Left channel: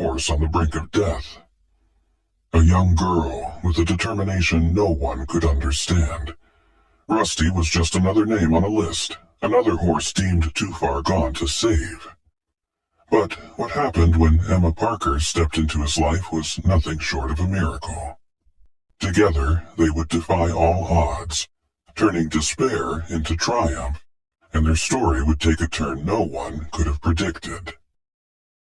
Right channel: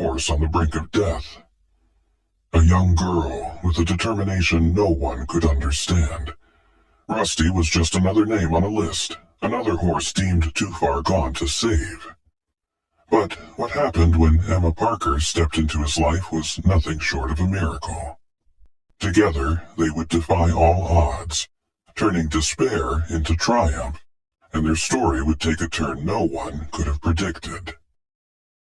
horse on the brink of death. A young girl with a determination no one could understand. Rusty was just another name on a list, another horse deemed too far gone to save. But what happened when Emma Parker stepped into his life was nothing short of a miracle. Together, they would defy all odds, turning despair into triumph, and their story would take a turn no one could have predicted.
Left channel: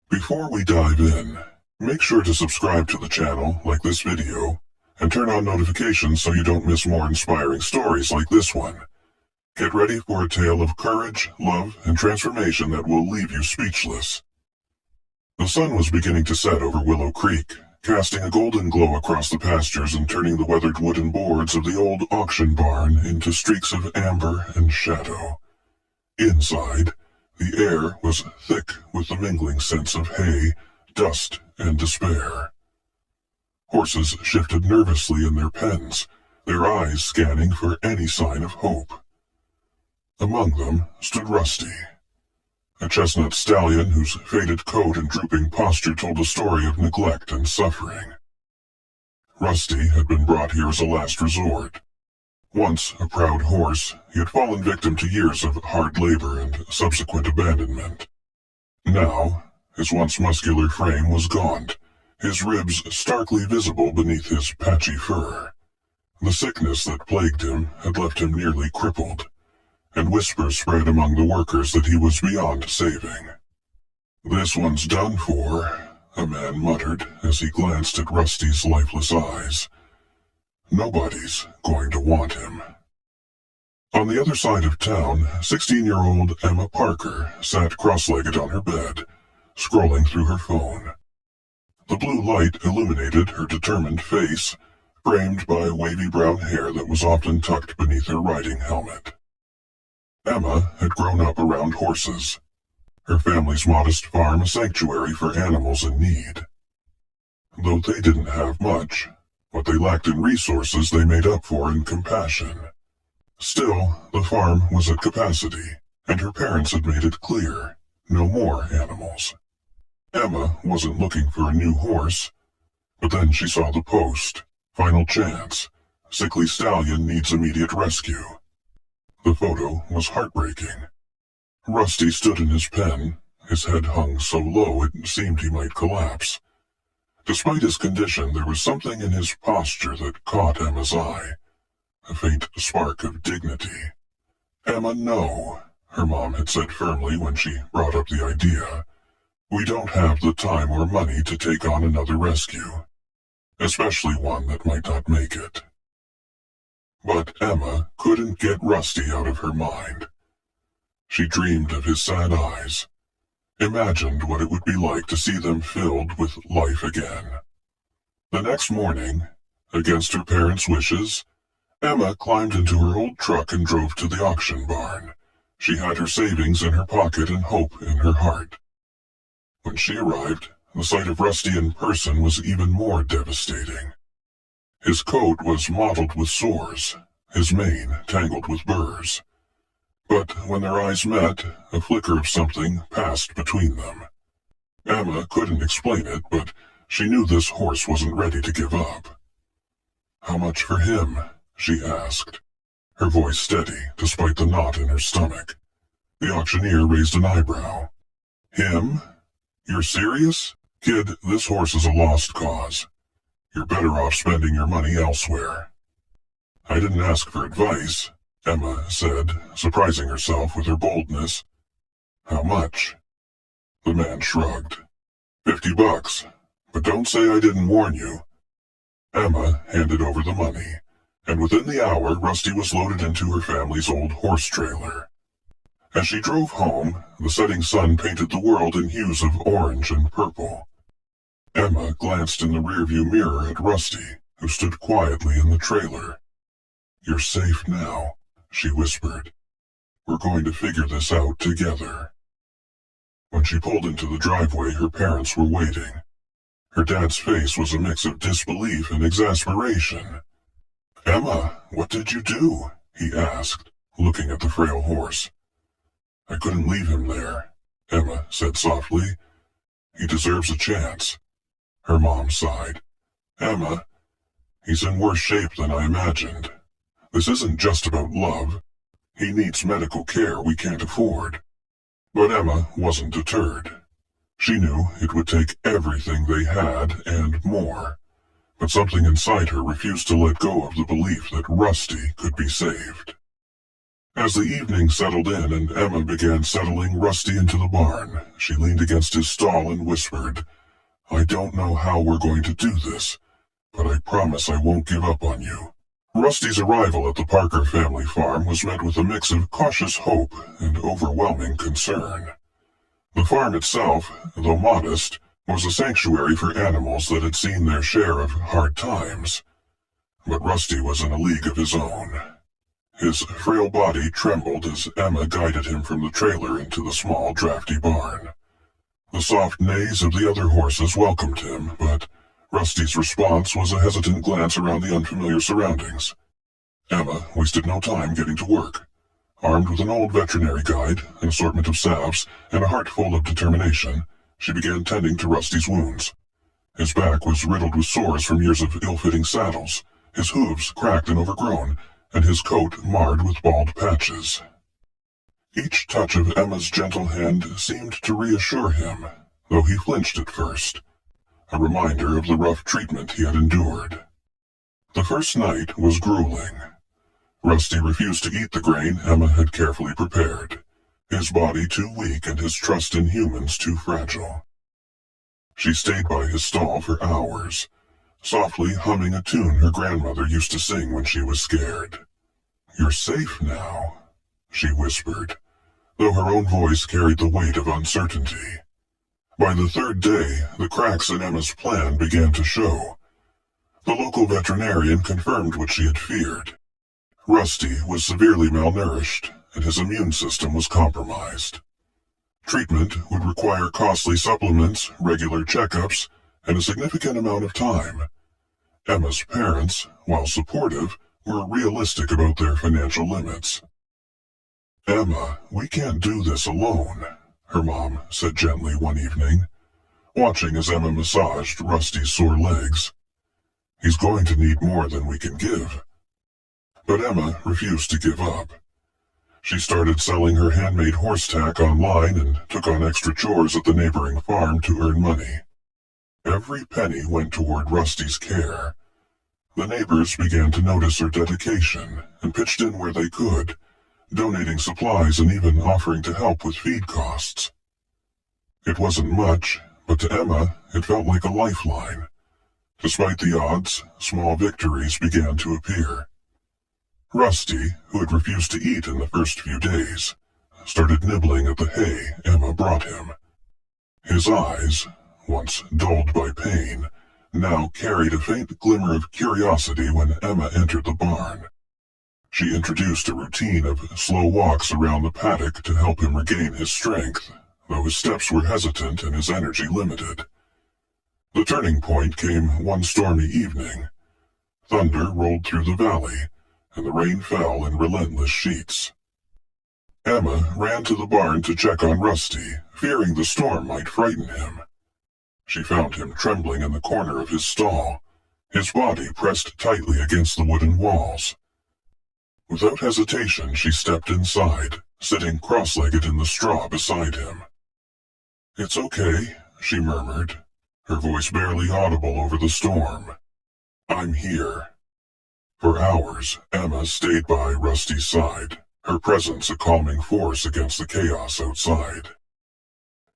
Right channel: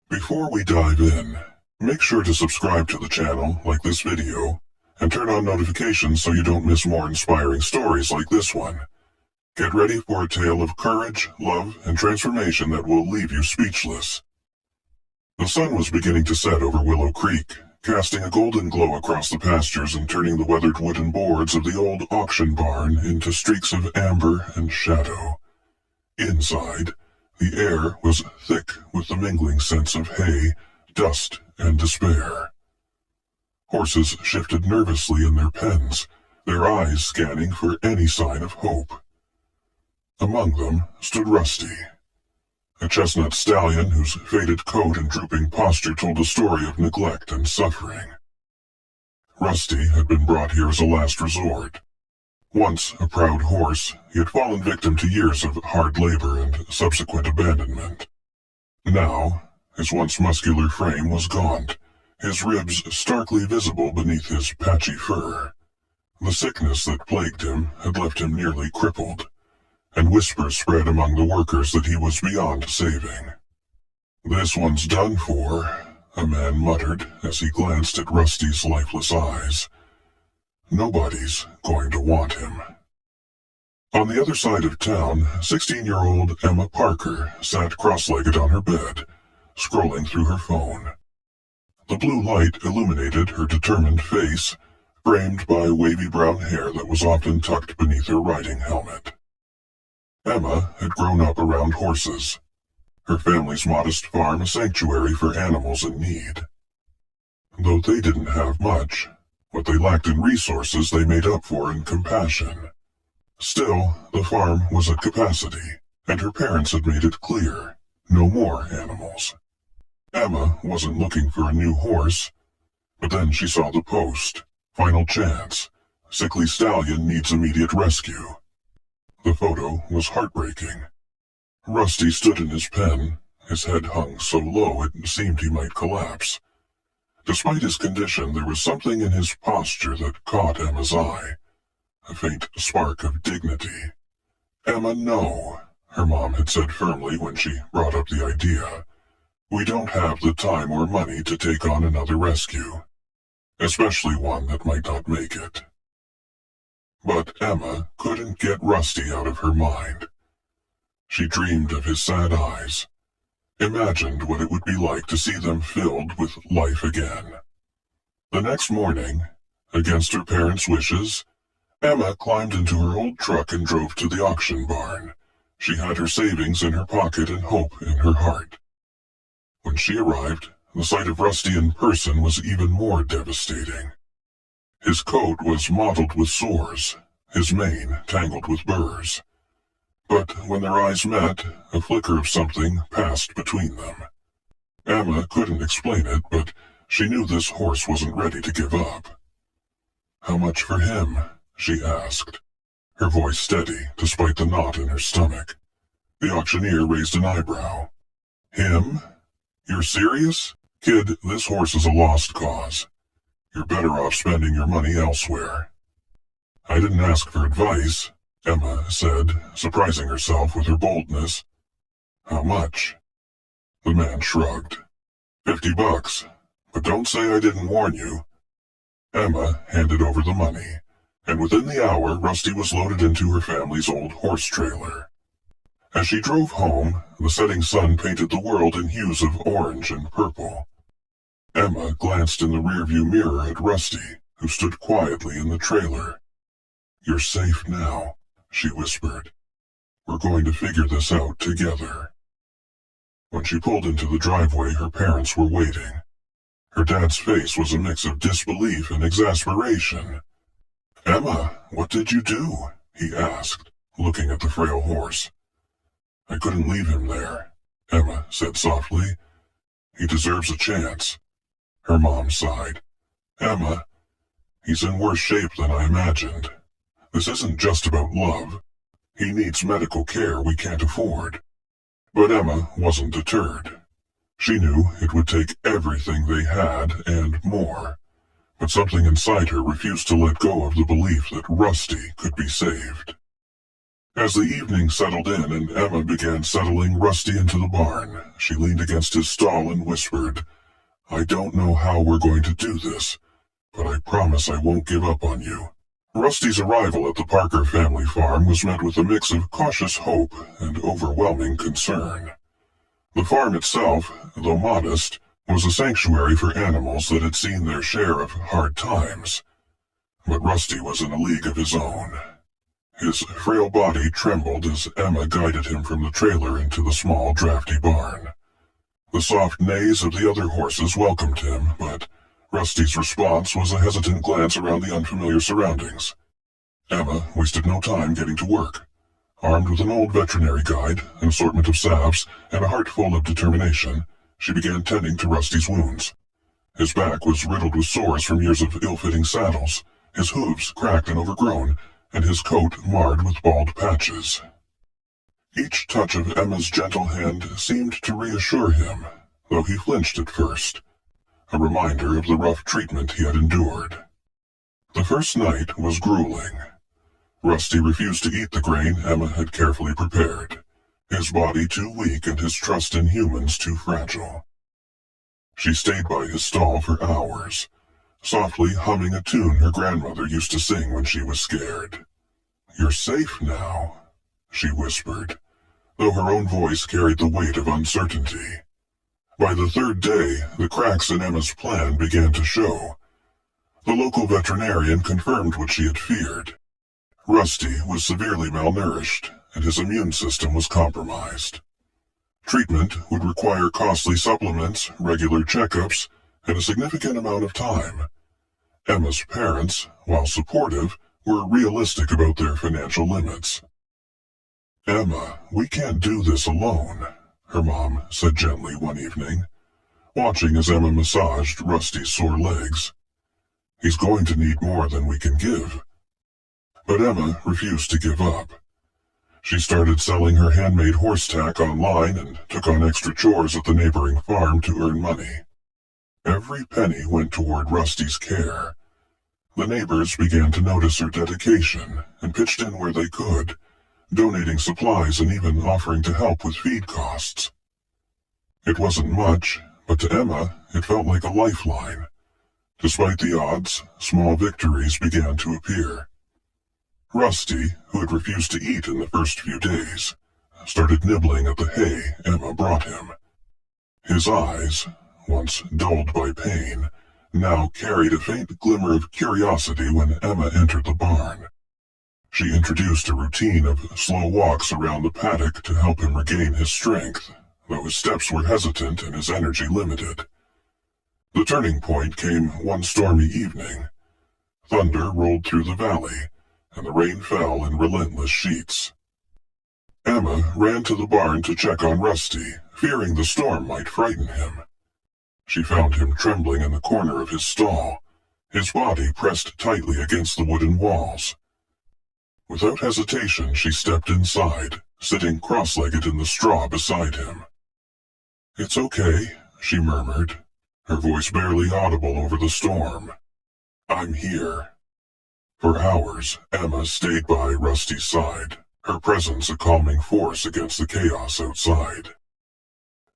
Before we dive in, make sure to subscribe to the channel, like this video, and turn on notifications so you don't miss more inspiring stories like this one. Get ready for a tale of courage, love, and transformation that will leave you speechless. The sun was beginning to set over Willow Creek, casting a golden glow across the pastures and turning the weathered wooden boards of the old auction barn into streaks of amber and shadow. Inside, the air was thick with the mingling scents of hay, dust, and despair. Horses shifted nervously in their pens, their eyes scanning for any sign of hope. Among them stood Rusty, a chestnut stallion whose faded coat and drooping posture told a story of neglect and suffering. Rusty had been brought here as a last resort. Once a proud horse, he had fallen victim to years of hard labor and subsequent abandonment. Now, his once muscular frame was gaunt, his ribs starkly visible beneath his patchy fur. The sickness that plagued him had left him nearly crippled, and whispers spread among the workers that he was beyond saving. "This one's done for," a man muttered as he glanced at Rusty's lifeless eyes. "Nobody's going to want him." On the other side of town, 16-year-old Emma Parker sat cross-legged on her bed, scrolling through her phone. The blue light illuminated her determined face, framed by wavy brown hair that was often tucked beneath her riding helmet. Emma had grown up around horses, her family's modest farm a sanctuary for animals in need. Though they didn't have much, what they lacked in resources they made up for in compassion. Still, the farm was at capacity, and her parents had made it clear, no more animals. Emma wasn't looking for a new horse, but then she saw the post. "Final chance. Sickly stallion needs immediate rescue." The photo was heartbreaking. Rusty stood in his pen, his head hung so low it seemed he might collapse. Despite his condition, there was something in his posture that caught Emma's eye, a faint spark of dignity. "Emma, no," her mom had said firmly when she brought up the idea. "We don't have the time or money to take on another rescue, especially one that might not make it." But Emma couldn't get Rusty out of her mind. She dreamed of his sad eyes, imagined what it would be like to see them filled with life again. The next morning, against her parents' wishes, Emma climbed into her old truck and drove to the auction barn. She had her savings in her pocket and hope in her heart. When she arrived, the sight of Rusty in person was even more devastating. His coat was mottled with sores, his mane tangled with burrs. But when their eyes met, a flicker of something passed between them. Emma couldn't explain it, but she knew this horse wasn't ready to give up. "How much for him?" she asked, her voice steady despite the knot in her stomach. The auctioneer raised an eyebrow. "Him? You're serious? Kid, this horse is a lost cause. You're better off spending your money elsewhere." "I didn't ask for advice," Emma said, surprising herself with her boldness. "How much?" The man shrugged. $50, but don't say I didn't warn you." Emma handed over the money, and within the hour Rusty was loaded into her family's old horse trailer. As she drove home, the setting sun painted the world in hues of orange and purple. Emma glanced in the rearview mirror at Rusty, who stood quietly in the trailer. "You're safe now," she whispered. "We're going to figure this out together." When she pulled into the driveway, her parents were waiting. Her dad's face was a mix of disbelief and exasperation. "Emma, what did you do?" he asked, looking at the frail horse. "I couldn't leave him there," Emma said softly. He deserves a chance. Her mom sighed. Emma, he's in worse shape than I imagined. This isn't just about love. He needs medical care we can't afford. But Emma wasn't deterred. She knew it would take everything they had and more. But something inside her refused to let go of the belief that Rusty could be saved. As the evening settled in and Emma began settling Rusty into the barn, she leaned against his stall and whispered, I don't know how we're going to do this, but I promise I won't give up on you. Rusty's arrival at the Parker family farm was met with a mix of cautious hope and overwhelming concern. The farm itself, though modest, was a sanctuary for animals that had seen their share of hard times. But Rusty was in a league of his own. His frail body trembled as Emma guided him from the trailer into the small, drafty barn. The soft neighs of the other horses welcomed him, but Rusty's response was a hesitant glance around the unfamiliar surroundings. Emma wasted no time getting to work. Armed with an old veterinary guide, an assortment of salves, and a heart full of determination, she began tending to Rusty's wounds. His back was riddled with sores from years of ill-fitting saddles, his hooves cracked and overgrown, and his coat marred with bald patches. Each touch of Emma's gentle hand seemed to reassure him, though he flinched at first, a reminder of the rough treatment he had endured. The first night was grueling. Rusty refused to eat the grain Emma had carefully prepared, his body too weak and his trust in humans too fragile. She stayed by his stall for hours, softly humming a tune her grandmother used to sing when she was scared. You're safe now, she whispered, though her own voice carried the weight of uncertainty. By the third day, the cracks in Emma's plan began to show. The local veterinarian confirmed what she had feared. Rusty was severely malnourished, and his immune system was compromised. Treatment would require costly supplements, regular checkups, and a significant amount of time. Emma's parents, while supportive, were realistic about their financial limits. Emma, we can't do this alone, her mom said gently one evening, watching as Emma massaged Rusty's sore legs. He's going to need more than we can give. But Emma refused to give up. She started selling her handmade horse tack online and took on extra chores at the neighboring farm to earn money. Every penny went toward Rusty's care. The neighbors began to notice her dedication and pitched in where they could, donating supplies and even offering to help with feed costs. It wasn't much, but to Emma it felt like a lifeline. Despite the odds, small victories began to appear. Rusty, who had refused to eat in the first few days, started nibbling at the hay Emma brought him. His eyes, once dulled by pain, now carried a faint glimmer of curiosity when Emma entered the barn. She introduced a routine of slow walks around the paddock to help him regain his strength, though his steps were hesitant and his energy limited. The turning point came one stormy evening. Thunder rolled through the valley, and the rain fell in relentless sheets. Emma ran to the barn to check on Rusty, fearing the storm might frighten him. She found him trembling in the corner of his stall, his body pressed tightly against the wooden walls. Without hesitation, she stepped inside, sitting cross-legged in the straw beside him. "It's okay," she murmured, her voice barely audible over the storm. "I'm here." For hours, Emma stayed by Rusty's side, her presence a calming force against the chaos outside.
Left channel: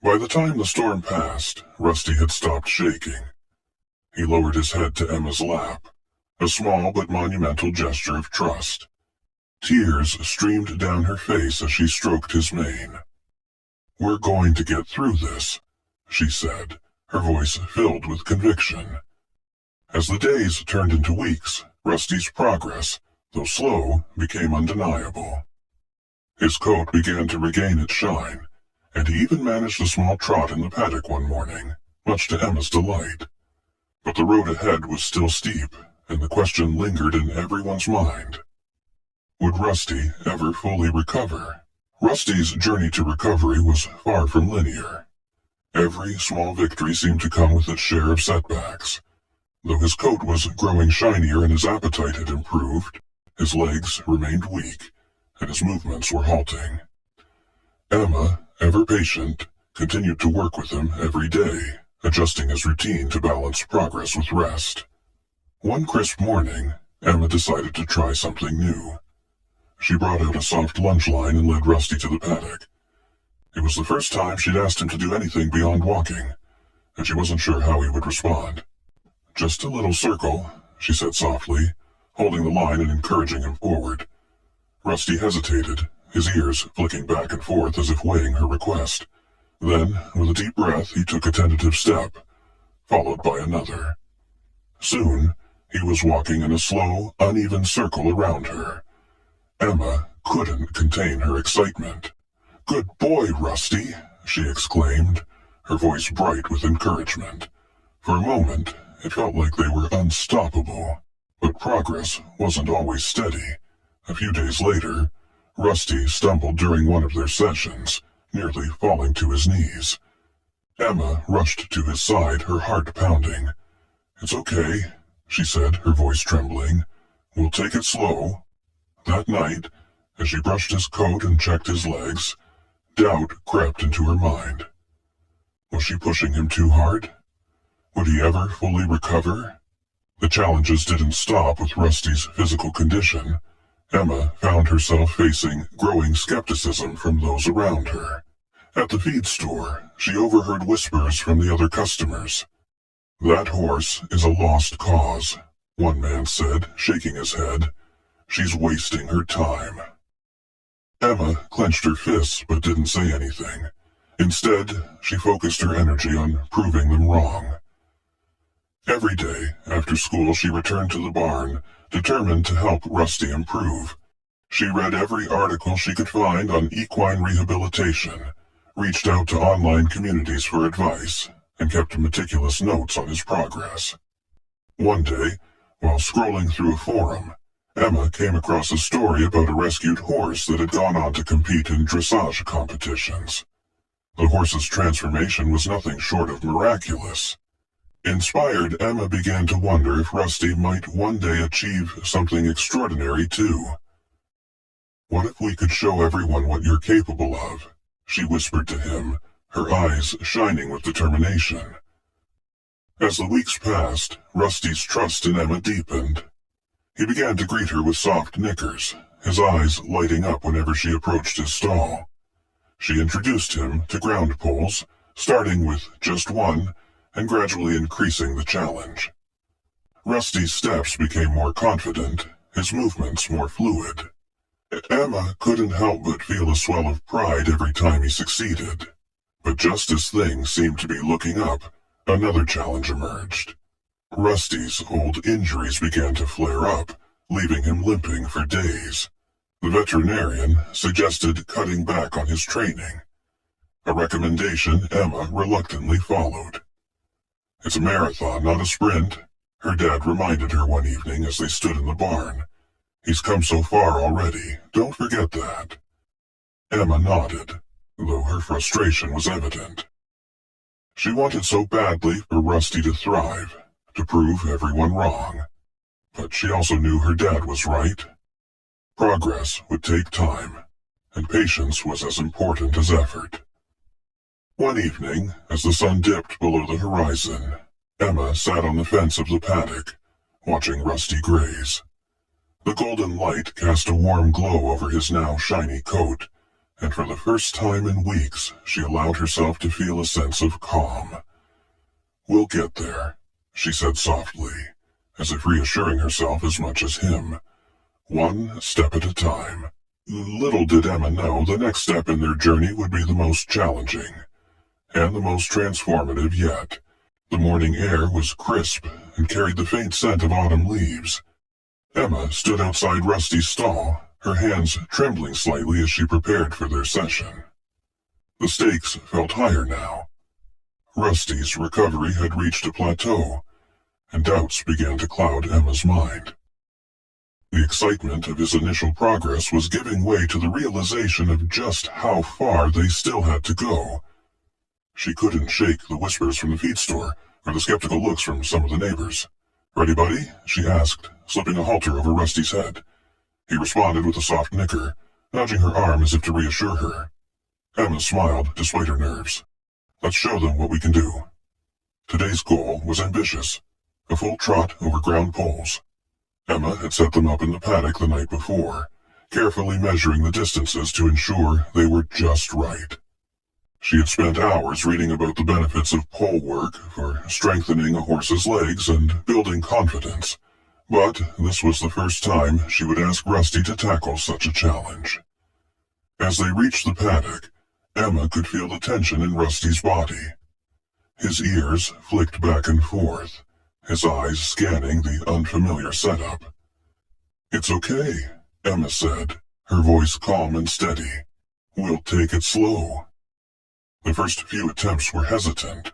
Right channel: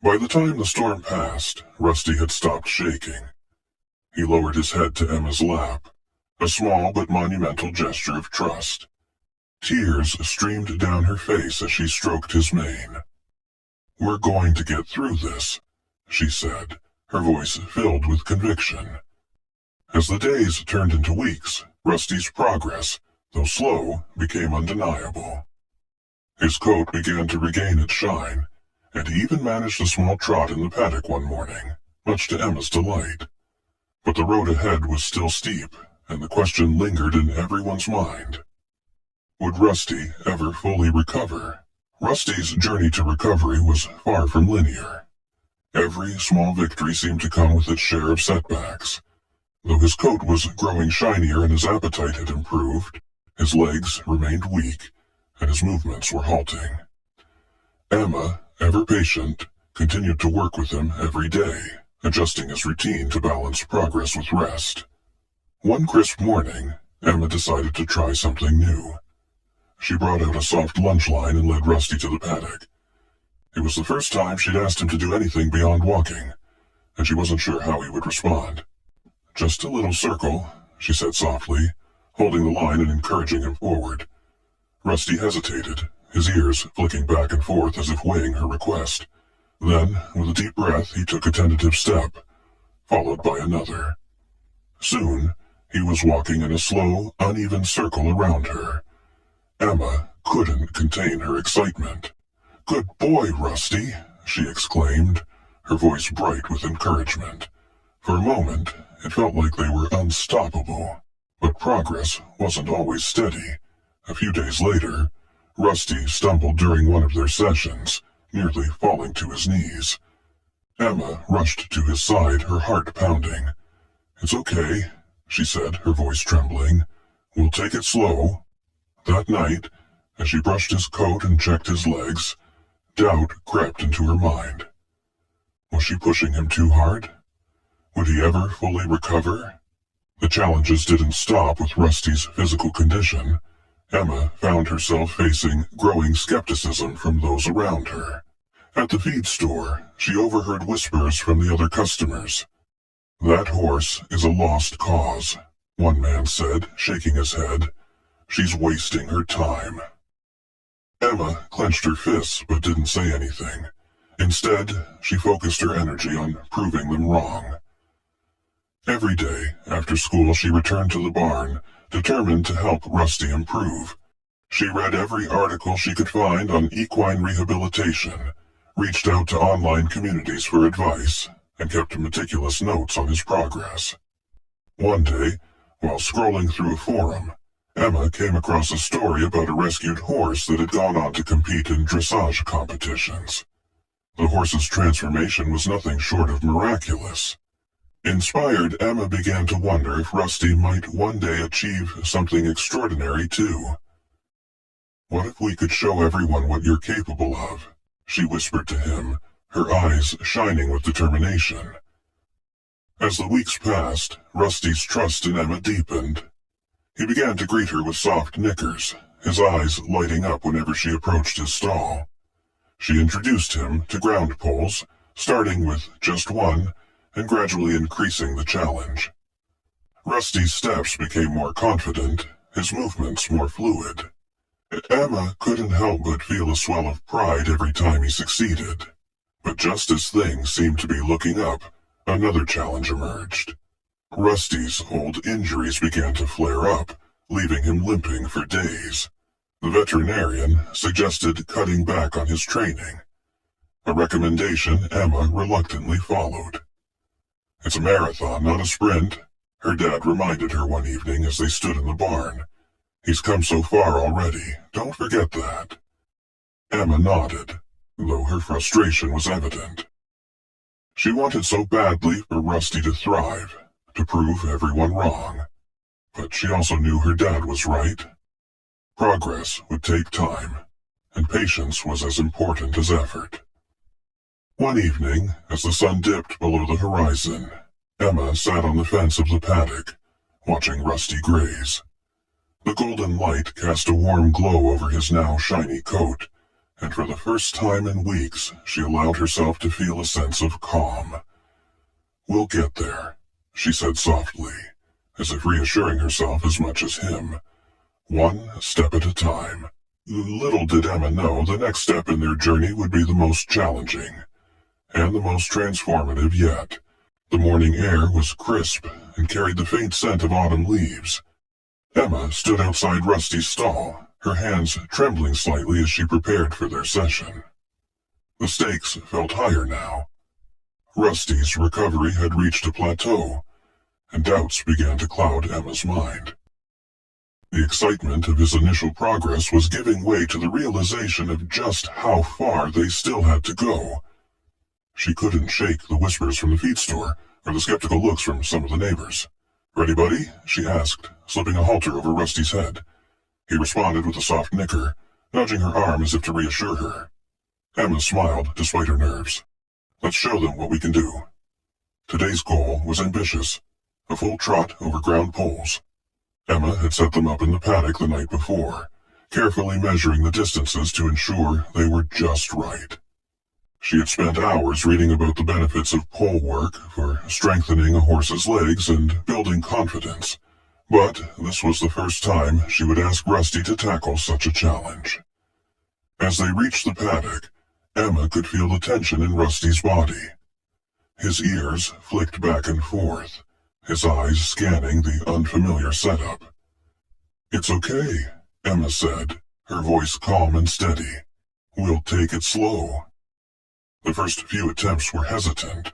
By the time the storm passed, Rusty had stopped shaking. He lowered his head to Emma's lap, a small but monumental gesture of trust. Tears streamed down her face as she stroked his mane. "We're going to get through this," she said, her voice filled with conviction. As the days turned into weeks, Rusty's progress, though slow, became undeniable. His coat began to regain its shine, and he even managed a small trot in the paddock one morning, much to Emma's delight. But the road ahead was still steep, and the question lingered in everyone's mind. Would Rusty ever fully recover? Rusty's journey to recovery was far from linear. Every small victory seemed to come with its share of setbacks. Though his coat was growing shinier and his appetite had improved, his legs remained weak, and his movements were halting. Emma, ever patient, continued to work with him every day, adjusting his routine to balance progress with rest. One crisp morning, Emma decided to try something new. She brought out a soft lunch line and led Rusty to the paddock. It was the first time she'd asked him to do anything beyond walking, and she wasn't sure how he would respond. "Just a little circle," she said softly, holding the line and encouraging him forward. Rusty hesitated, his ears flicking back and forth as if weighing her request. Then, with a deep breath, he took a tentative step, followed by another. Soon, he was walking in a slow, uneven circle around her. Emma couldn't contain her excitement. "Good boy, Rusty," she exclaimed, her voice bright with encouragement. For a moment, it felt like they were unstoppable, but progress wasn't always steady. A few days later, Rusty stumbled during one of their sessions, nearly falling to his knees. Emma rushed to his side, her heart pounding. "It's okay," she said, her voice trembling. "We'll take it slow." That night, as she brushed his coat and checked his legs, doubt crept into her mind. Was she pushing him too hard? Would he ever fully recover? The challenges didn't stop with Rusty's physical condition. Emma found herself facing growing skepticism from those around her. At the feed store, she overheard whispers from the other customers. "That horse is a lost cause," one man said, shaking his head. "She's wasting her time." Emma clenched her fists but didn't say anything. Instead, she focused her energy on proving them wrong. Every day, after school, she returned to the barn, determined to help Rusty improve. She read every article she could find on equine rehabilitation, reached out to online communities for advice, and kept meticulous notes on his progress. One day, while scrolling through a forum, Emma came across a story about a rescued horse that had gone on to compete in dressage competitions. The horse's transformation was nothing short of miraculous. Inspired, Emma began to wonder if Rusty might one day achieve something extraordinary too. "What if we could show everyone what you're capable of?" she whispered to him, her eyes shining with determination. As the weeks passed, Rusty's trust in Emma deepened. He began to greet her with soft nickers, his eyes lighting up whenever she approached his stall. She introduced him to ground poles, starting with just one, and gradually increasing the challenge. Rusty's steps became more confident, his movements more fluid. Emma couldn't help but feel a swell of pride every time he succeeded. But just as things seemed to be looking up, another challenge emerged. Rusty's old injuries began to flare up, leaving him limping for days. The veterinarian suggested cutting back on his training, a recommendation Emma reluctantly followed. "It's a marathon, not a sprint," her dad reminded her one evening as they stood in the barn. "He's come so far already, don't forget that." Emma nodded, though her frustration was evident. She wanted so badly for Rusty to thrive, to prove everyone wrong. But she also knew her dad was right. Progress would take time, and patience was as important as effort. One evening, as the sun dipped below the horizon, Emma sat on the fence of the paddock, watching Rusty graze. The golden light cast a warm glow over his now shiny coat, and for the first time in weeks she allowed herself to feel a sense of calm. "We'll get there," she said softly, as if reassuring herself as much as him. One step at a time. Little did Emma know the next step in their journey would be the most challenging, and the most transformative yet. The morning air was crisp and carried the faint scent of autumn leaves. Emma stood outside Rusty's stall, her hands trembling slightly as she prepared for their session. The stakes felt higher now. Rusty's recovery had reached a plateau, and doubts began to cloud Emma's mind. The excitement of his initial progress was giving way to the realization of just how far they still had to go. She couldn't shake the whispers from the feed store or the skeptical looks from some of the neighbors. "Ready, buddy?" she asked, slipping a halter over Rusty's head. He responded with a soft nicker, nudging her arm as if to reassure her. Emma smiled despite her nerves. "Let's show them what we can do." Today's goal was ambitious, a full trot over ground poles. Emma had set them up in the paddock the night before, carefully measuring the distances to ensure they were just right. She had spent hours reading about the benefits of pole work for strengthening a horse's legs and building confidence, but this was the first time she would ask Rusty to tackle such a challenge. As they reached the paddock, Emma could feel the tension in Rusty's body. His ears flicked back and forth, his eyes scanning the unfamiliar setup. "It's okay," Emma said, her voice calm and steady. "We'll take it slow." The first few attempts were hesitant.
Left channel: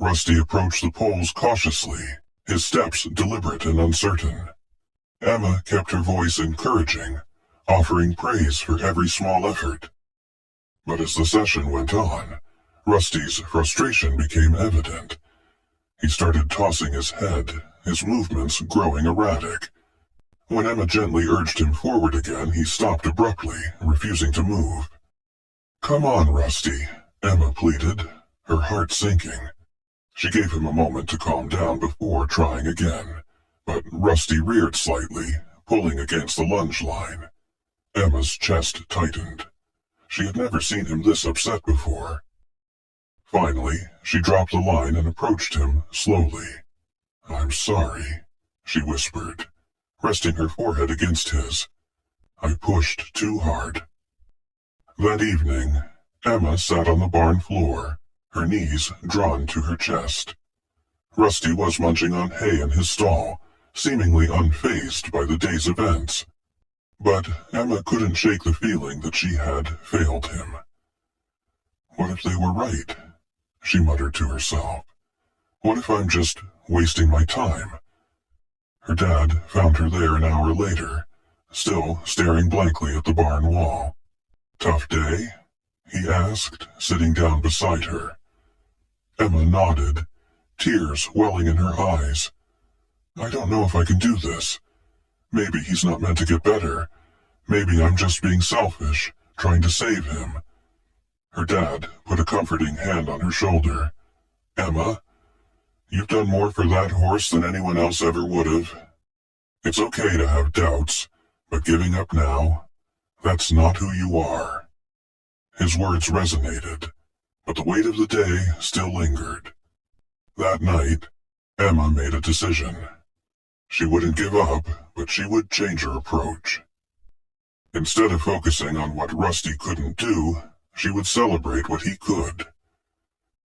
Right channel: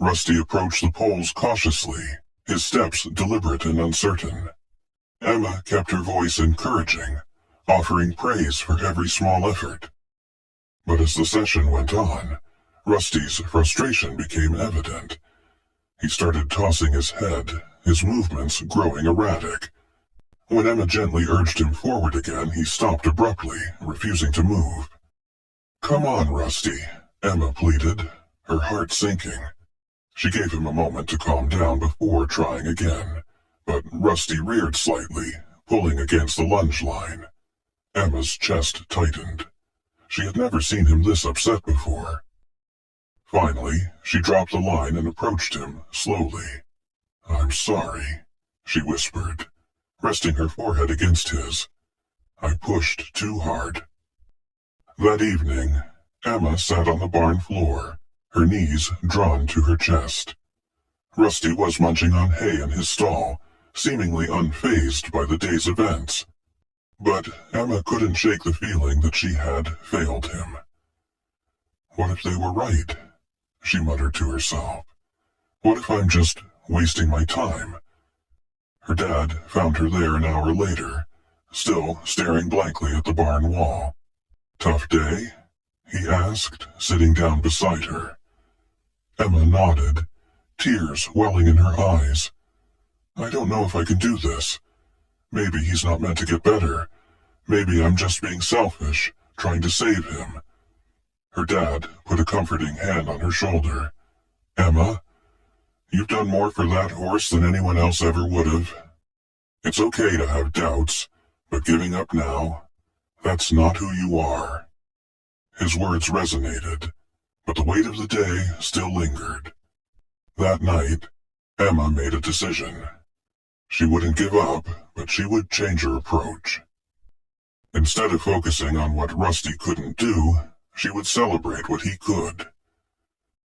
Rusty approached the poles cautiously, his steps deliberate and uncertain. Emma kept her voice encouraging, offering praise for every small effort. But as the session went on, Rusty's frustration became evident. He started tossing his head, his movements growing erratic. When Emma gently urged him forward again, he stopped abruptly, refusing to move. "Come on, Rusty," Emma pleaded, her heart sinking. She gave him a moment to calm down before trying again, but Rusty reared slightly, pulling against the lunge line. Emma's chest tightened. She had never seen him this upset before. Finally, she dropped the line and approached him slowly. "I'm sorry," she whispered, resting her forehead against his. "I pushed too hard." That evening, Emma sat on the barn floor, her knees drawn to her chest. Rusty was munching on hay in his stall, seemingly unfazed by the day's events. But Emma couldn't shake the feeling that she had failed him. "What if they were right?" she muttered to herself. "What if I'm just wasting my time?" Her dad found her there an hour later, still staring blankly at the barn wall. "Tough day?" he asked, sitting down beside her. Emma nodded, tears welling in her eyes. "I don't know if I can do this. Maybe he's not meant to get better. Maybe I'm just being selfish, trying to save him." Her dad put a comforting hand on her shoulder. "Emma, you've done more for that horse than anyone else ever would have. It's okay to have doubts, but giving up now, that's not who you are." His words resonated, but the weight of the day still lingered. That night, Emma made a decision. She wouldn't give up, but she would change her approach. Instead of focusing on what Rusty couldn't do, she would celebrate what he could.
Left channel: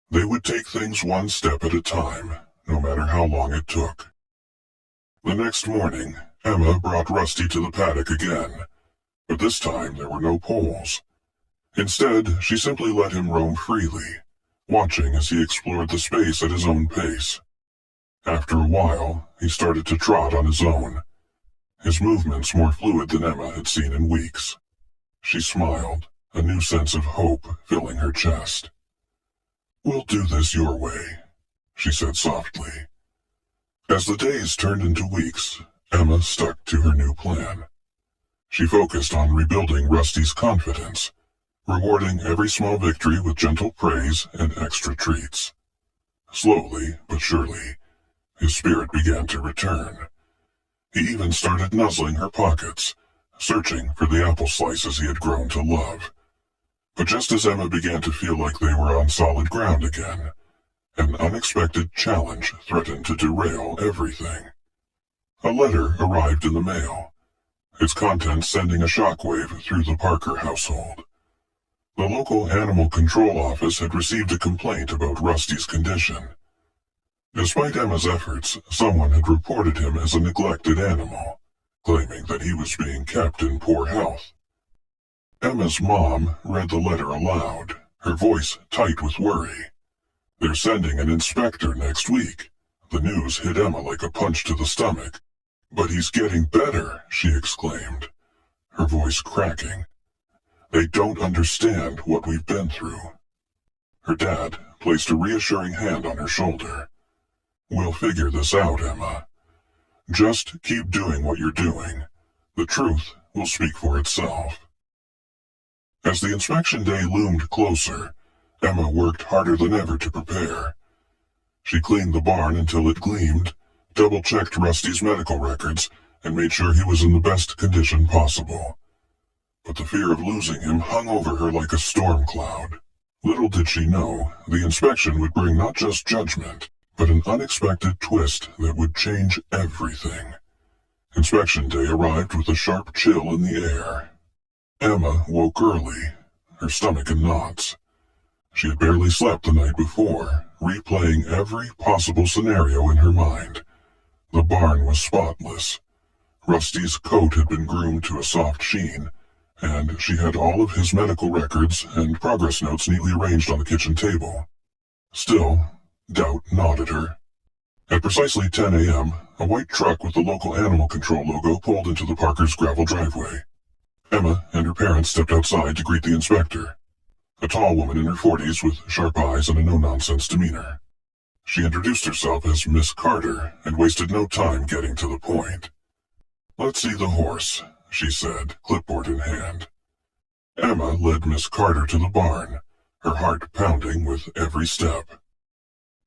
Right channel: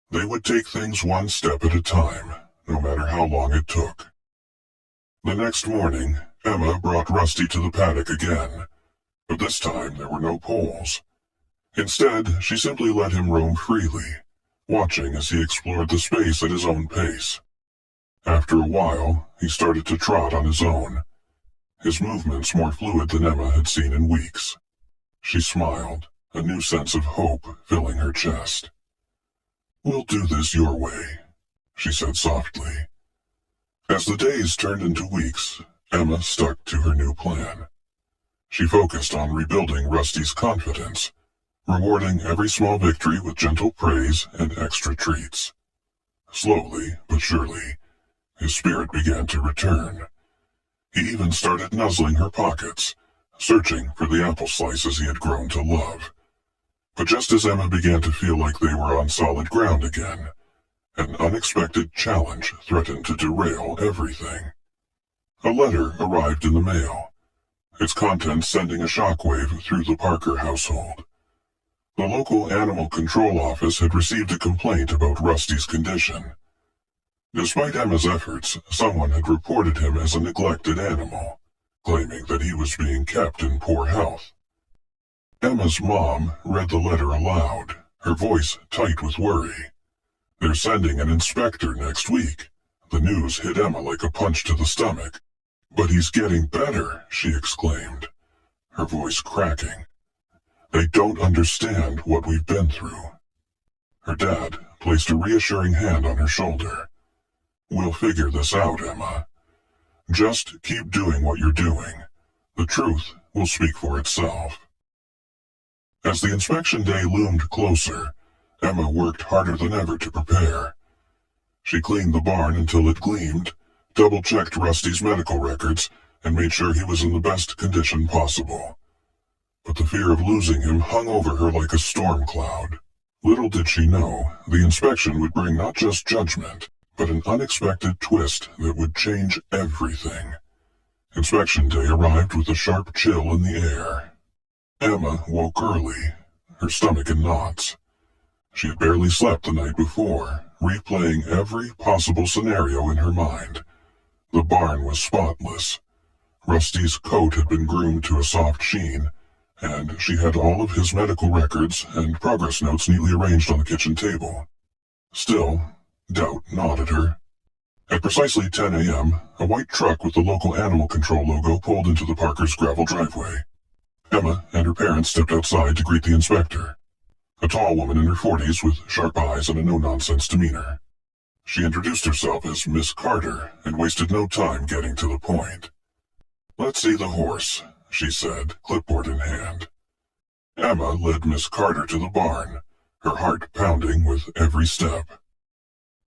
They would take things one step at a time, no matter how long it took. The next morning, Emma brought Rusty to the paddock again, but this time there were no poles. Instead, she simply let him roam freely, watching as he explored the space at his own pace. After a while, he started to trot on his own, his movements more fluid than Emma had seen in weeks. She smiled, a new sense of hope filling her chest. "We'll do this your way," she said softly. As the days turned into weeks, Emma stuck to her new plan. She focused on rebuilding Rusty's confidence, rewarding every small victory with gentle praise and extra treats. Slowly but surely, his spirit began to return. He even started nuzzling her pockets, searching for the apple slices he had grown to love. But just as Emma began to feel like they were on solid ground again, an unexpected challenge threatened to derail everything. A letter arrived in the mail, its contents sending a shockwave through the Parker household. The local animal control office had received a complaint about Rusty's condition. Despite Emma's efforts, someone had reported him as a neglected animal, claiming that he was being kept in poor health. Emma's mom read the letter aloud, her voice tight with worry. "They're sending an inspector next week." The news hit Emma like a punch to the stomach. "But he's getting better," she exclaimed, her voice cracking. "They don't understand what we've been through." Her dad placed a reassuring hand on her shoulder. "We'll figure this out, Emma. Just keep doing what you're doing. The truth will speak for itself." As the inspection day loomed closer, Emma worked harder than ever to prepare. She cleaned the barn until it gleamed, double-checked Rusty's medical records, and made sure he was in the best condition possible. But the fear of losing him hung over her like a storm cloud. Little did she know, the inspection would bring not just judgment, but an unexpected twist that would change everything. Inspection day arrived with a sharp chill in the air. Emma woke early, her stomach in knots. She had barely slept the night before, replaying every possible scenario in her mind. The barn was spotless. Rusty's coat had been groomed to a soft sheen, and she had all of his medical records and progress notes neatly arranged on the kitchen table. Still, doubt gnawed at her. At precisely 10 a.m., a white truck with the local animal control logo pulled into the Parkers' gravel driveway. Emma and her parents stepped outside to greet the inspector, a tall woman in her 40s with sharp eyes and a no-nonsense demeanor. She introduced herself as Miss Carter and wasted no time getting to the point. "Let's see the horse," she said, clipboard in hand. Emma led Miss Carter to the barn, her heart pounding with every step.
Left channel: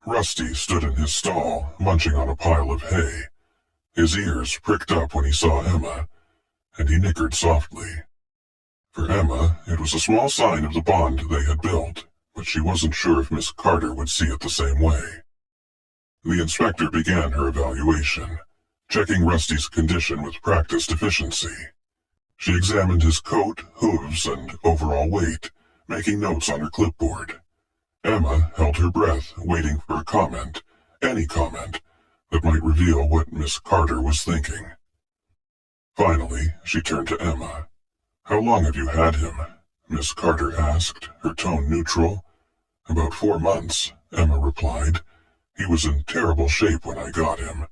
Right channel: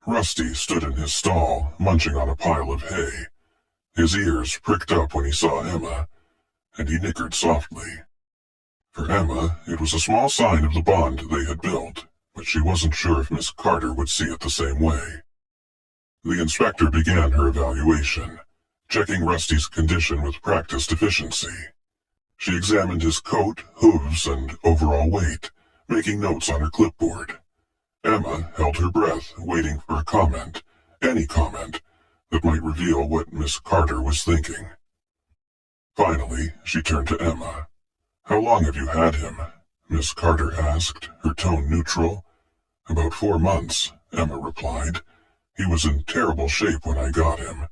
Rusty stood in his stall, munching on a pile of hay. His ears pricked up when he saw Emma, and he nickered softly. For Emma, it was a small sign of the bond they had built, but she wasn't sure if Miss Carter would see it the same way. The inspector began her evaluation, checking Rusty's condition with practiced efficiency. She examined his coat, hooves, and overall weight, making notes on her clipboard. Emma held her breath, waiting for a comment, any comment, that might reveal what Miss Carter was thinking. Finally, she turned to Emma. "How long have you had him?" Miss Carter asked, her tone neutral. "About 4 months," Emma replied. "He was in terrible shape when I got him.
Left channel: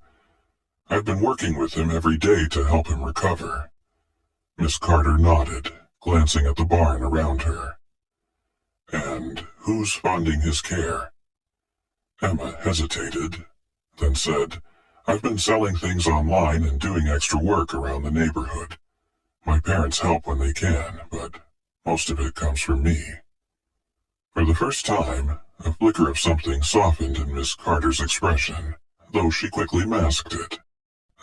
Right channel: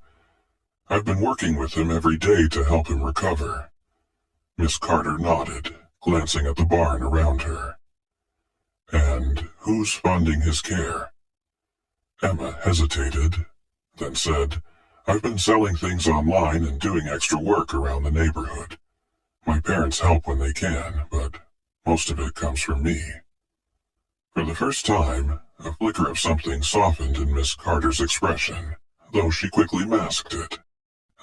I've been working with him every day to help him recover." Miss Carter nodded, glancing at the barn around her. "And who's funding his care?" Emma hesitated, then said, "I've been selling things online and doing extra work around the neighborhood. My parents help when they can, but most of it comes from me." For the first time, a flicker of something softened in Miss Carter's expression, though she quickly masked it.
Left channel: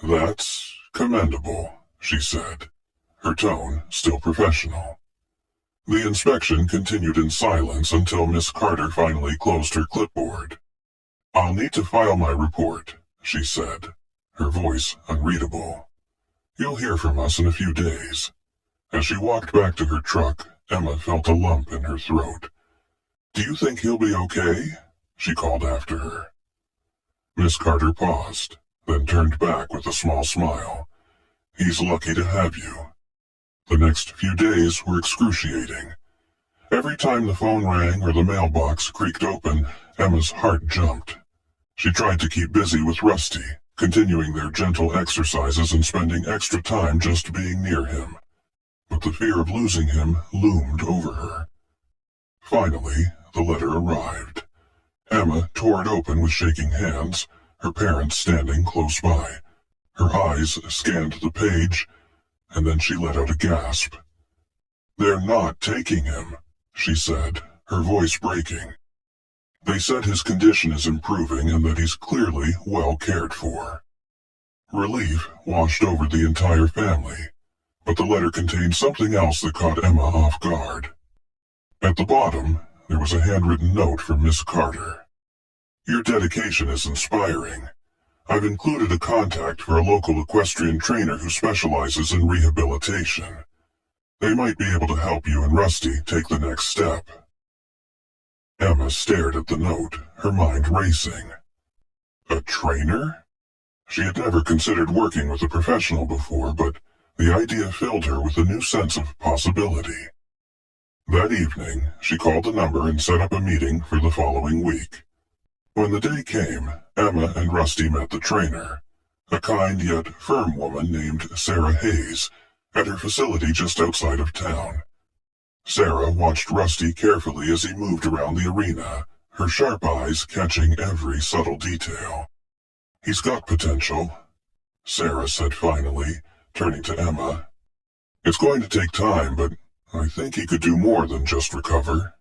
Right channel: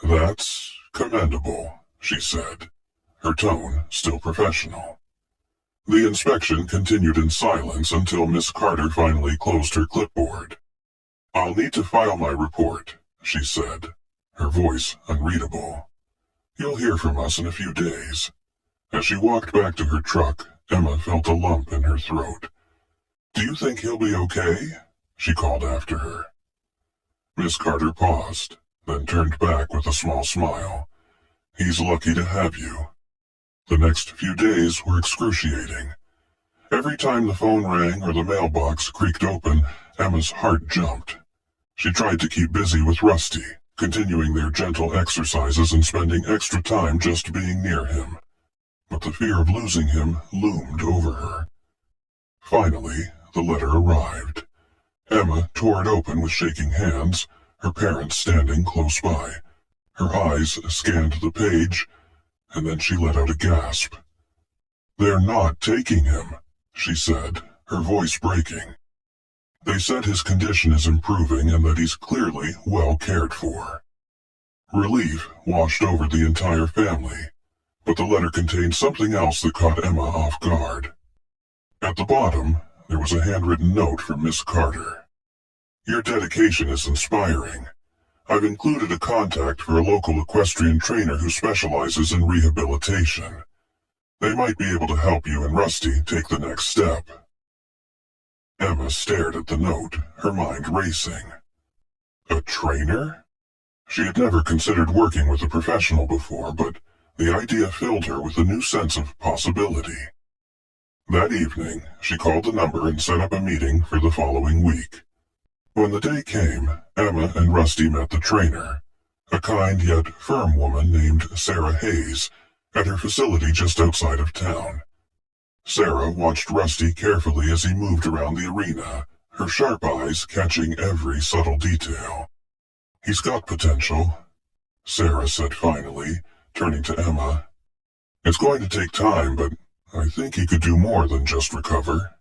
"That's commendable," she said, her tone still professional. The inspection continued in silence until Miss Carter finally closed her clipboard. "I'll need to file my report," she said, her voice unreadable. "You'll hear from us in a few days." As she walked back to her truck, Emma felt a lump in her throat. "Do you think he'll be okay?" she called after her. Miss Carter paused, then turned back with a small smile. "He's lucky to have you." The next few days were excruciating. Every time the phone rang or the mailbox creaked open, Emma's heart jumped. She tried to keep busy with Rusty, continuing their gentle exercises and spending extra time just being near him. But the fear of losing him loomed over her. Finally, the letter arrived. Emma tore it open with shaking hands, her parents standing close by. Her eyes scanned the page, and then she let out a gasp. "They're not taking him," she said, her voice breaking. "They said his condition is improving and that he's clearly well cared for." Relief washed over the entire family, but the letter contained something else that caught Emma off guard. At the bottom, there was a handwritten note from Miss Carter. "Your dedication is inspiring. I've included a contact for a local equestrian trainer who specializes in rehabilitation. They might be able to help you and Rusty take the next step." Emma stared at the note, her mind racing. A trainer? She had never considered working with a professional before, but the idea filled her with a new sense of possibility. That evening, she called the number and set up a meeting for the following week. When the day came, Emma and Rusty met the trainer, a kind yet firm woman named Sarah Hayes, at her facility just outside of town. Sarah watched Rusty carefully as he moved around the arena, her sharp eyes catching every subtle detail. "He's got potential," Sarah said finally, turning to Emma. "It's going to take time, but I think he could do more than just recover.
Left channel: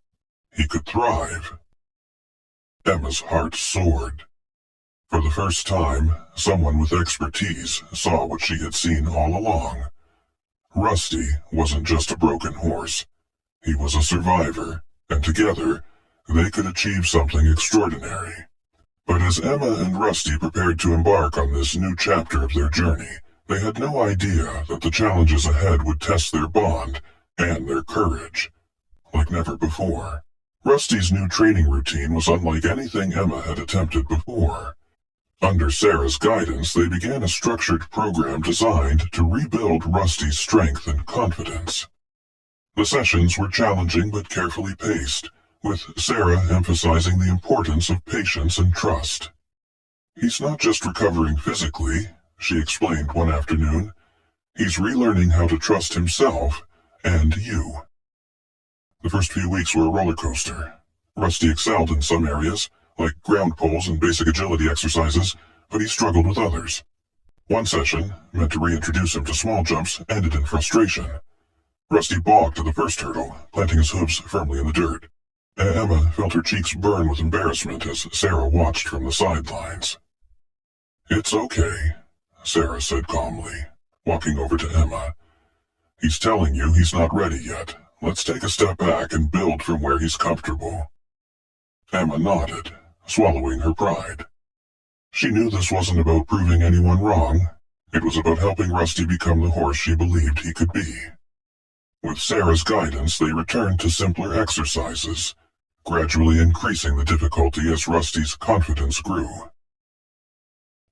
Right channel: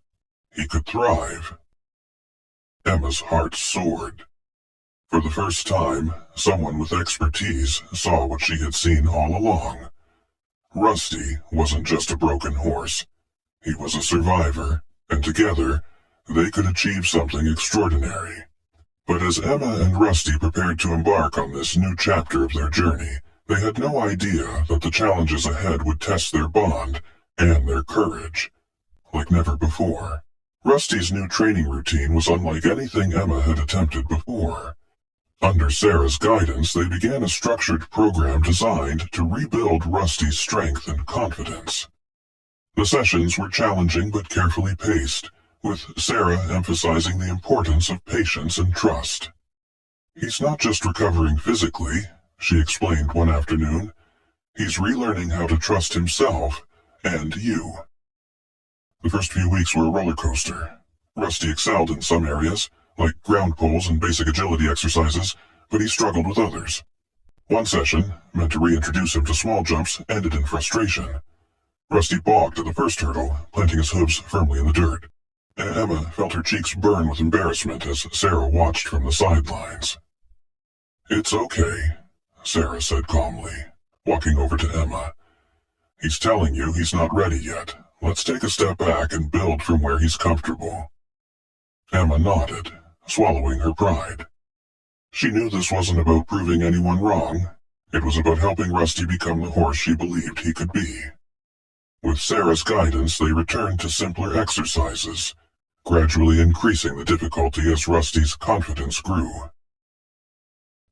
He could thrive." Emma's heart soared. For the first time, someone with expertise saw what she had seen all along. Rusty wasn't just a broken horse. He was a survivor, and together, they could achieve something extraordinary. But as Emma and Rusty prepared to embark on this new chapter of their journey, they had no idea that the challenges ahead would test their bond and their courage. Like never before, Rusty's new training routine was unlike anything Emma had attempted before. Under Sarah's guidance, they began a structured program designed to rebuild Rusty's strength and confidence. The sessions were challenging but carefully paced, with Sarah emphasizing the importance of patience and trust. "He's not just recovering physically," she explained one afternoon. "He's relearning how to trust himself and you." The first few weeks were a roller coaster. Rusty excelled in some areas, like ground poles and basic agility exercises, but he struggled with others. One session, meant to reintroduce him to small jumps, ended in frustration. Rusty balked at the first hurdle, planting his hooves firmly in the dirt. Emma felt her cheeks burn with embarrassment as Sarah watched from the sidelines. "It's okay," Sarah said calmly, walking over to Emma. "He's telling you he's not ready yet. Let's take a step back and build from where he's comfortable." Emma nodded, swallowing her pride. She knew this wasn't about proving anyone wrong. It was about helping Rusty become the horse she believed he could be. With Sarah's guidance, they returned to simpler exercises, gradually increasing the difficulty as Rusty's confidence grew.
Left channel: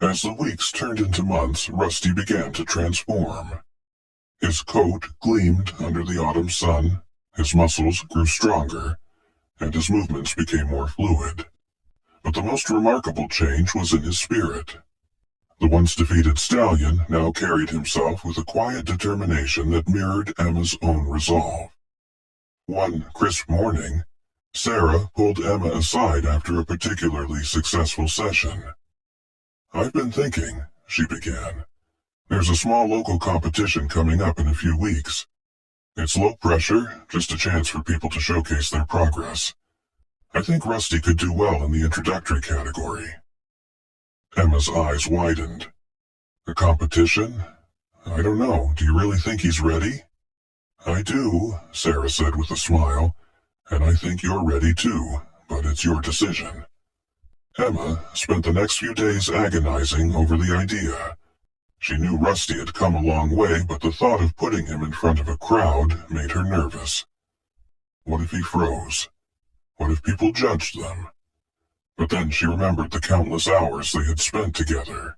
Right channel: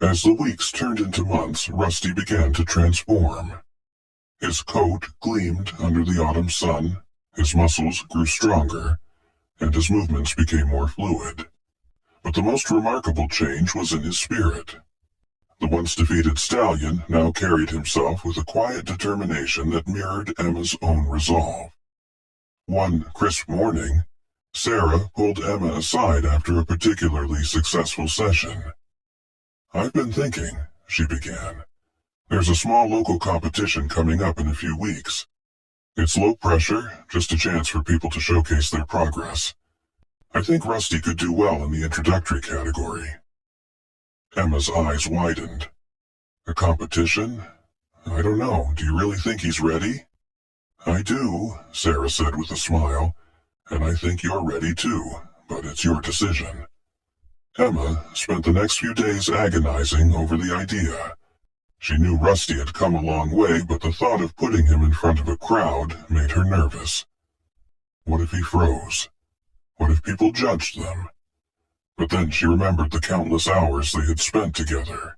As the weeks turned into months, Rusty began to transform. His coat gleamed under the autumn sun, his muscles grew stronger, and his movements became more fluid. But the most remarkable change was in his spirit. The once defeated stallion now carried himself with a quiet determination that mirrored Emma's own resolve. One crisp morning, Sarah pulled Emma aside after a particularly successful session. "I've been thinking," she began. "There's a small local competition coming up in a few weeks. It's low pressure, just a chance for people to showcase their progress. I think Rusty could do well in the introductory category." Emma's eyes widened. "A competition? I don't know. Do you really think he's ready?" "I do," Sarah said with a smile. "And I think you're ready too, but it's your decision." Emma spent the next few days agonizing over the idea. She knew Rusty had come a long way, but the thought of putting him in front of a crowd made her nervous. What if he froze? What if people judged them? But then she remembered the countless hours they had spent together,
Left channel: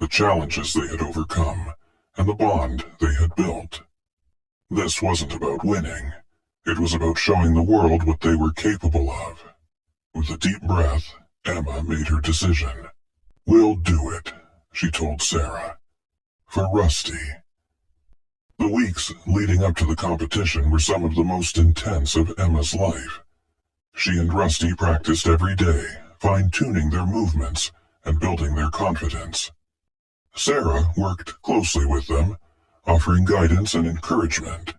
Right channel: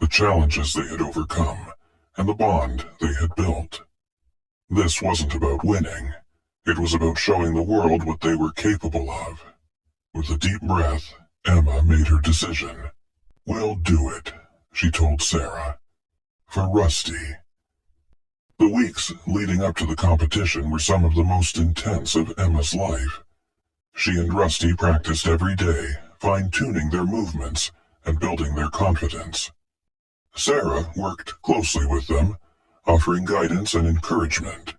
the challenges they had overcome, and the bond they had built. This wasn't about winning. It was about showing the world what they were capable of. With a deep breath, Emma made her decision. "We'll do it," she told Sarah. "For Rusty." The weeks leading up to the competition were some of the most intense of Emma's life. She and Rusty practiced every day, fine-tuning their movements and building their confidence. Sarah worked closely with them, offering guidance and encouragement.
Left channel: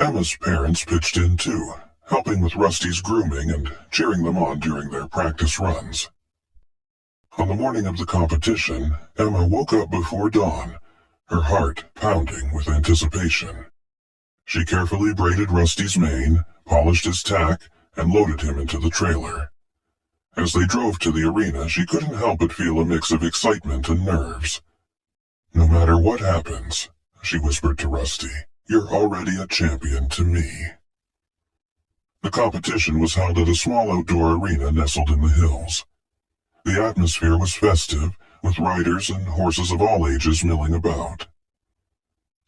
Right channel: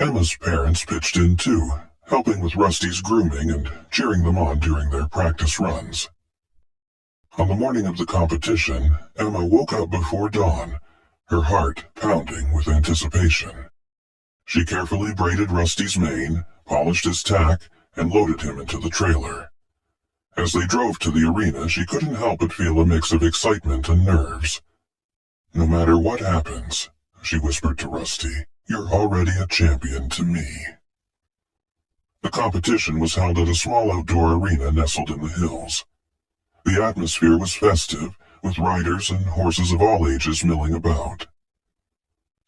Emma's parents pitched in too, helping with Rusty's grooming and cheering them on during their practice runs. On the morning of the competition, Emma woke up before dawn, her heart pounding with anticipation. She carefully braided Rusty's mane, polished his tack, and loaded him into the trailer. As they drove to the arena, she couldn't help but feel a mix of excitement and nerves. "No matter what happens," she whispered to Rusty, "you're already a champion to me." The competition was held at a small outdoor arena nestled in the hills. The atmosphere was festive, with riders and horses of all ages milling about.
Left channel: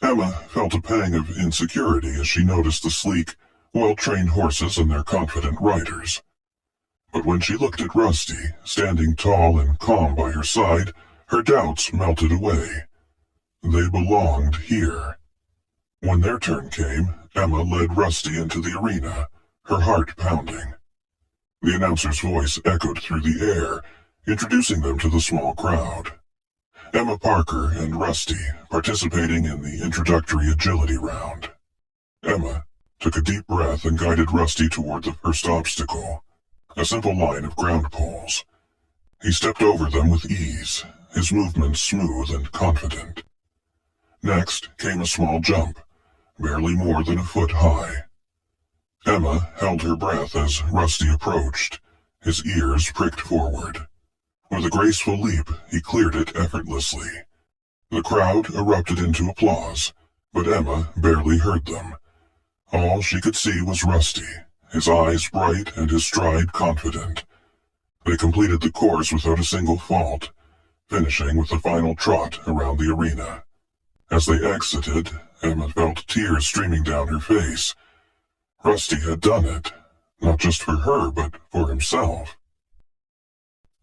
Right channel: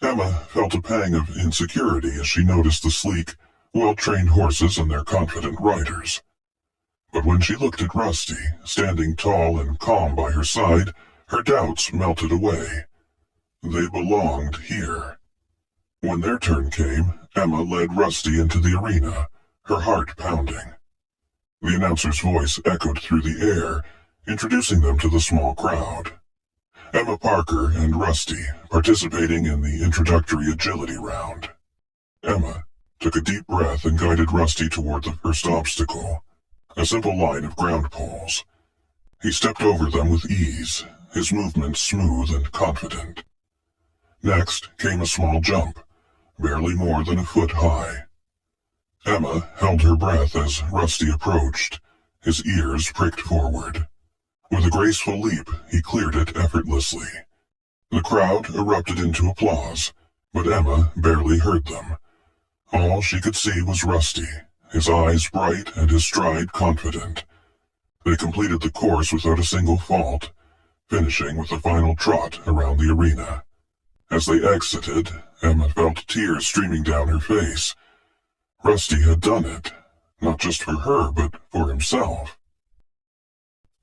Emma felt a pang of insecurity as she noticed the sleek, well-trained horses and their confident riders. But when she looked at Rusty, standing tall and calm by her side, her doubts melted away. They belonged here. When their turn came, Emma led Rusty into the arena, her heart pounding. The announcer's voice echoed through the air, introducing them to the small crowd. Emma Parker and Rusty participating in the introductory agility round. Emma took a deep breath and guided Rusty toward the first obstacle, a simple line of ground poles. He stepped over them with ease, his movements smooth and confident. Next came a small jump, barely more than a foot high. Emma held her breath as Rusty approached, his ears pricked forward. With a graceful leap, he cleared it effortlessly. The crowd erupted into applause, but Emma barely heard them. All she could see was Rusty, his eyes bright and his stride confident. They completed the course without a single fault, finishing with a final trot around the arena. As they exited, Emma felt tears streaming down her face. Rusty had done it, not just for her, but for himself.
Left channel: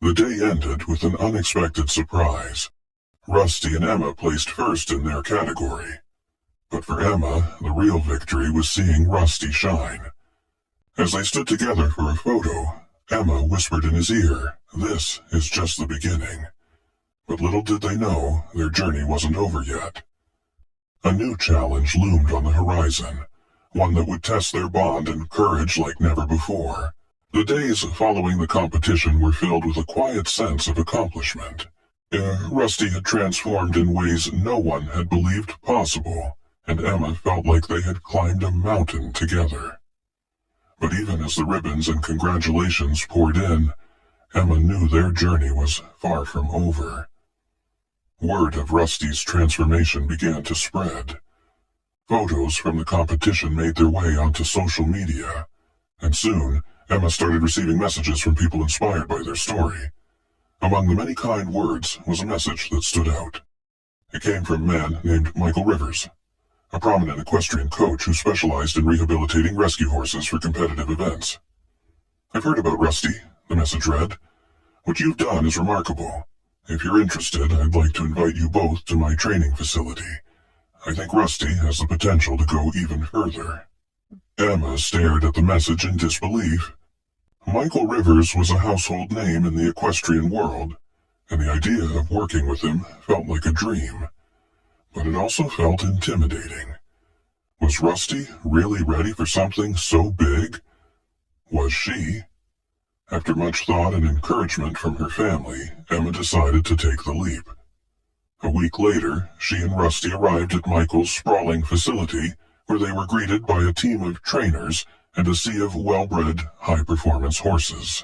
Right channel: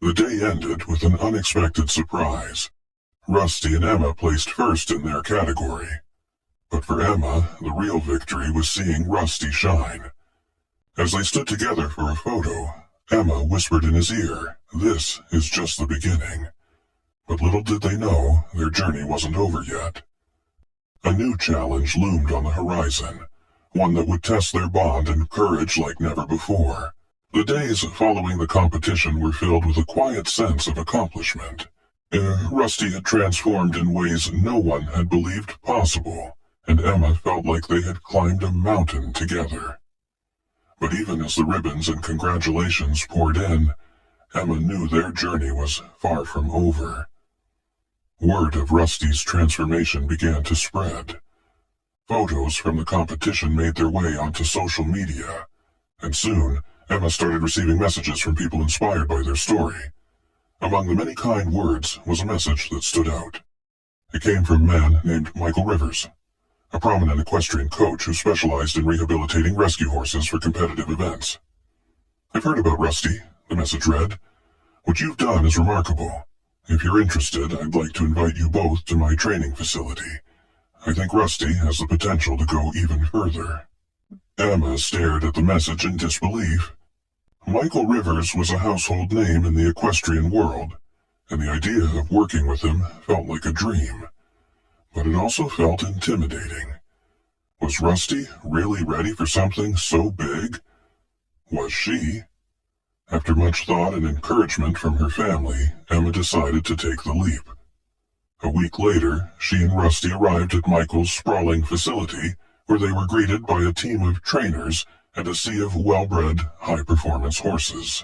The day ended with an unexpected surprise. Rusty and Emma placed first in their category. But for Emma, the real victory was seeing Rusty shine. As they stood together for a photo, Emma whispered in his ear, "This is just the beginning." But little did they know, their journey wasn't over yet. A new challenge loomed on the horizon, one that would test their bond and courage like never before. The days following the competition were filled with a quiet sense of accomplishment. Rusty had transformed in ways no one had believed possible, and Emma felt like they had climbed a mountain together. But even as the ribbons and congratulations poured in, Emma knew their journey was far from over. Word of Rusty's transformation began to spread. Photos from the competition made their way onto social media, and soon Emma started receiving messages from people inspired by their story. Among the many kind words was a message that stood out. It came from a man named Michael Rivers, a prominent equestrian coach who specialized in rehabilitating rescue horses for competitive events. "I've heard about Rusty," the message read. "What you've done is remarkable. If you're interested, I'd like to invite you both to my training facility. I think Rusty has the potential to go even further." Emma stared at the message in disbelief. Michael Rivers was a household name in the equestrian world, and the idea of working with him felt like a dream. But it also felt intimidating. Was Rusty really ready for something so big? Was she? After much thought and encouragement from her family, Emma decided to take the leap. A week later, she and Rusty arrived at Michael's sprawling facility, where they were greeted by a team of trainers and a sea of well-bred, high-performance horses.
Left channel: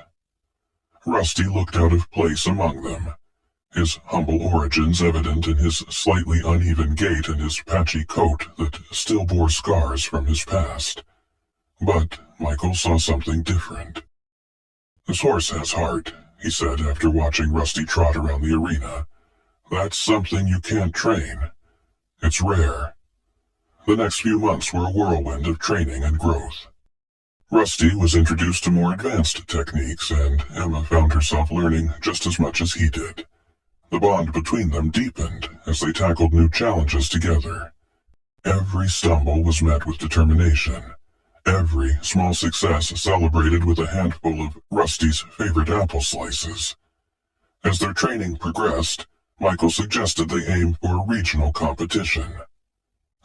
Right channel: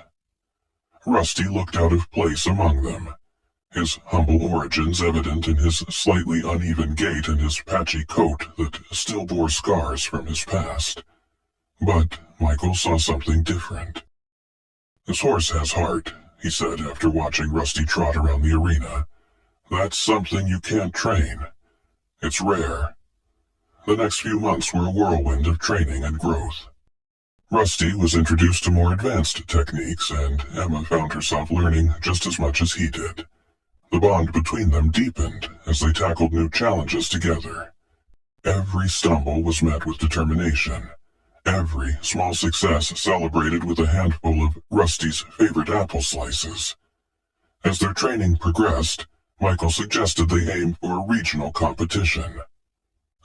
Rusty looked out of place among them, his humble origins evident in his slightly uneven gait and his patchy coat that still bore scars from his past. But Michael saw something different. "This horse has heart," he said after watching Rusty trot around the arena. "That's something you can't train. It's rare." The next few months were a whirlwind of training and growth. Rusty was introduced to more advanced techniques, and Emma found herself learning just as much as he did. The bond between them deepened as they tackled new challenges together. Every stumble was met with determination. Every small success celebrated with a handful of Rusty's favorite apple slices. As their training progressed, Michael suggested they aim for a regional competition,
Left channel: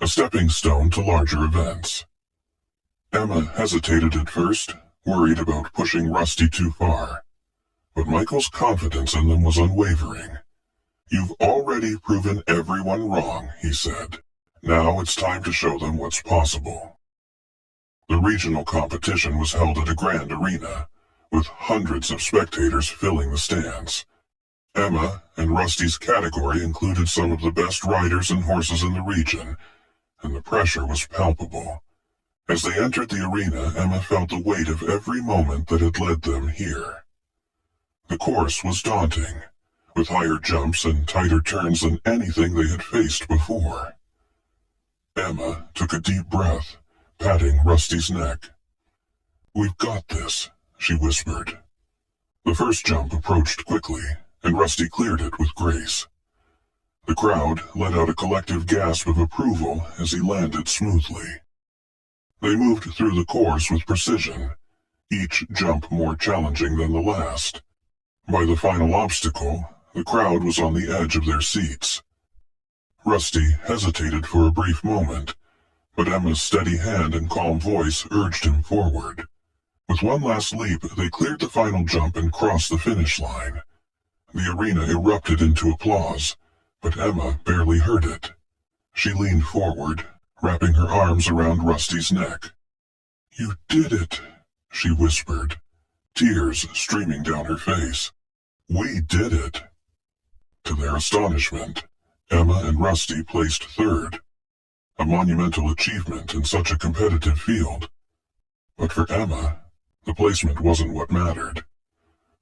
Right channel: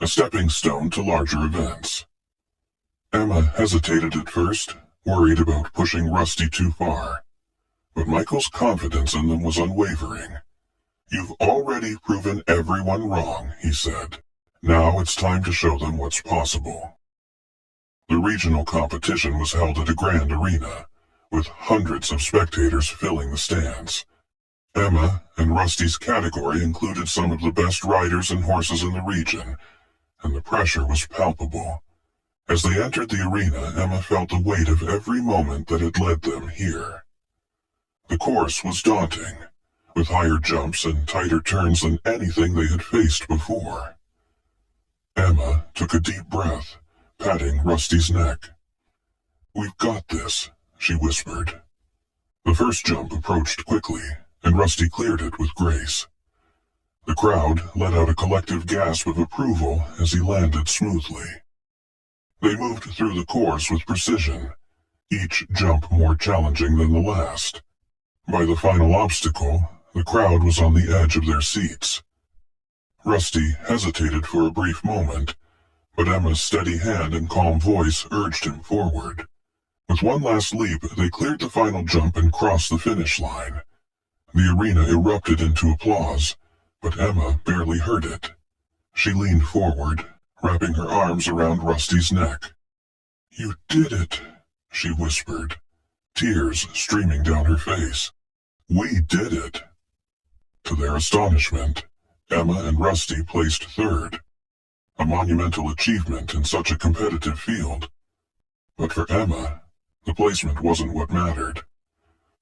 a stepping stone to larger events. Emma hesitated at first, worried about pushing Rusty too far. But Michael's confidence in them was unwavering. "You've already proven everyone wrong," he said. "Now it's time to show them what's possible." The regional competition was held at a grand arena, with hundreds of spectators filling the stands. Emma and Rusty's category included some of the best riders and horses in the region, and the pressure was palpable. As they entered the arena, Emma felt the weight of every moment that had led them here. The course was daunting, with higher jumps and tighter turns than anything they had faced before. Emma took a deep breath, patting Rusty's neck. "We've got this," she whispered. The first jump approached quickly, and Rusty cleared it with grace. The crowd let out a collective gasp of approval as he landed smoothly. They moved through the course with precision, each jump more challenging than the last. By the final obstacle, the crowd was on the edge of their seats. Rusty hesitated for a brief moment, but Emma's steady hand and calm voice urged him forward. With one last leap, they cleared the final jump and crossed the finish line. The arena erupted into applause, but Emma barely heard it. She leaned forward, wrapping her arms around Rusty's neck. "You did it," she whispered, tears streaming down her face. "We did it." To their astonishment, Emma and Rusty placed third, a monumental achievement in such a competitive field. But for Emma, the placement wasn't what mattered.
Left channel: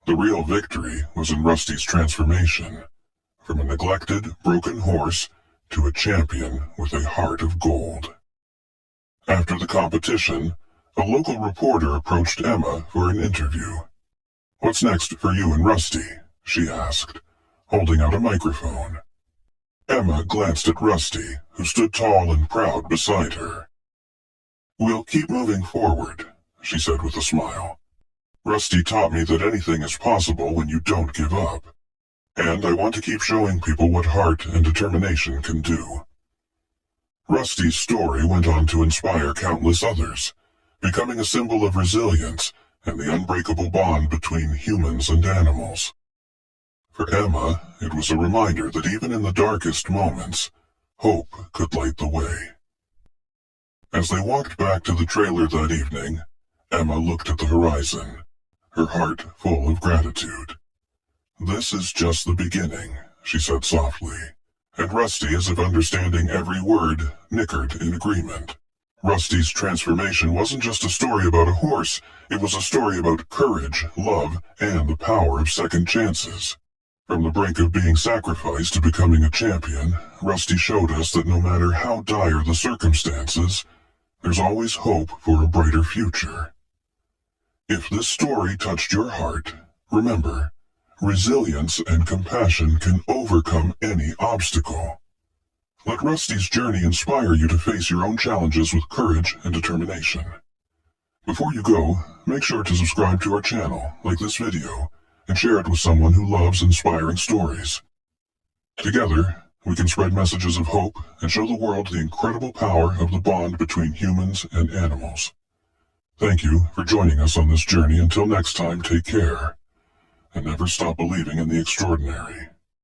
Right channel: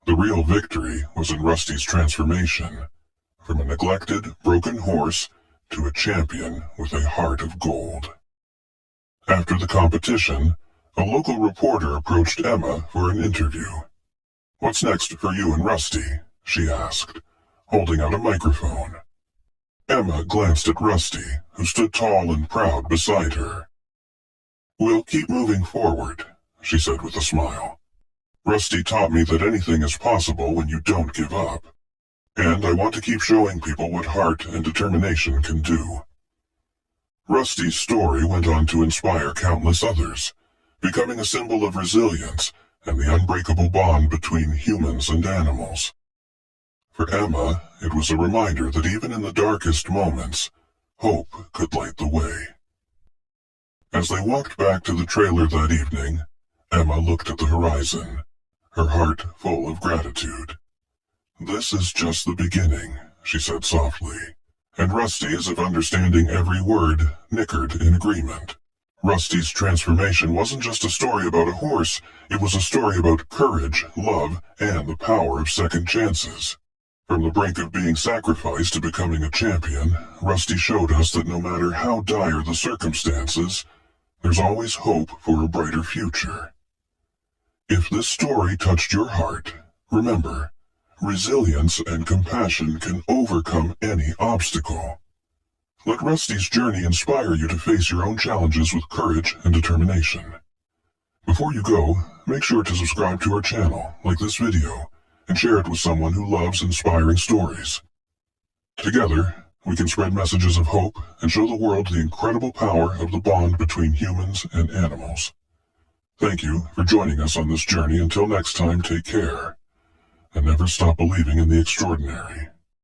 The real victory was in Rusty's transformation, from a neglected, broken horse to a champion with a heart of gold. After the competition, a local reporter approached Emma for an interview. "What's next for you and Rusty?" she asked, holding out a microphone. Emma glanced at Rusty, who stood tall and proud beside her. "We'll keep moving forward," she said with a smile. "Rusty taught me that anything is possible when you don't give up. And I want to keep showing people what heart and determination can do." Rusty's story went on to inspire countless others, becoming a symbol of resilience and the unbreakable bond between humans and animals. For Emma, it was a reminder that even in the darkest moments, hope could light the way. As they walked back to the trailer that evening, Emma looked at the horizon, her heart full of gratitude. "This is just the beginning," she said softly, and Rusty, as if understanding every word, nickered in agreement. Rusty's transformation wasn't just a story about a horse, it was a story about courage, love, and the power of second chances. From the brink of being sacrificed to becoming a champion, Rusty showed us that no matter how dire the circumstances, there's always hope for a brighter future. If this story touched your heart, remember, resilience and compassion can overcome any obstacle. Let Rusty's journey inspire you to face your own challenges with courage and determination. Before you go, make sure to subscribe to our channel, like this video, and share it with someone who loves inspiring stories. Together, we can spread messages of hope and show the world the incredible power of the bond between humans and animals. Thank you for joining us on this journey. Until next time, take care, and never stop believing in the extraordinary.